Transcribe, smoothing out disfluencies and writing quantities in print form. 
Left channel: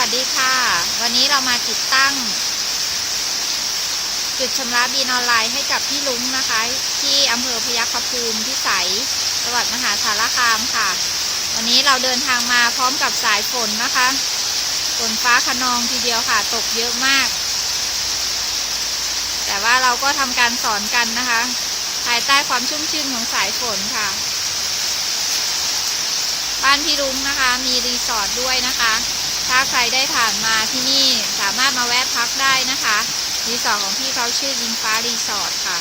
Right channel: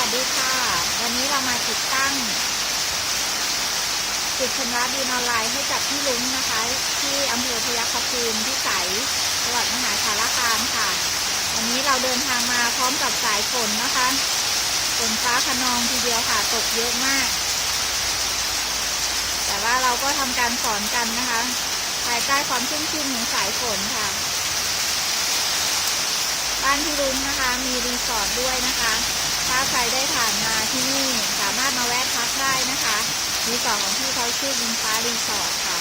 วัสดีค่ะวันนี้เรามาติดตั้งจุดชำระบินออนไลน์ให้กับพี่ลุงนะคะที่อำเภอพยัคฆภูมิพิสัยจังหวัดมหาสารคามค่ะวันนี้เราเดินทางมาพร้อมกับสายฝนนะคะฝนฟ้าคะนองทีเดียวค่ะตกเยอะมากแต่ว่าเราก็ทำการสอนกันนะคะภายใต้ความชุ่มชื่นของสายฝนค่ะบ้านพี่ลุงนะคะมีรีสอร์ทด้วยนะคะถ้าใครได้ผ่านมาที่นี่สามารถมาแวะพักได้นะคะรีสอร์ทของพี่เขาชื่อวินฟ้ารีสอร์ทค่ะ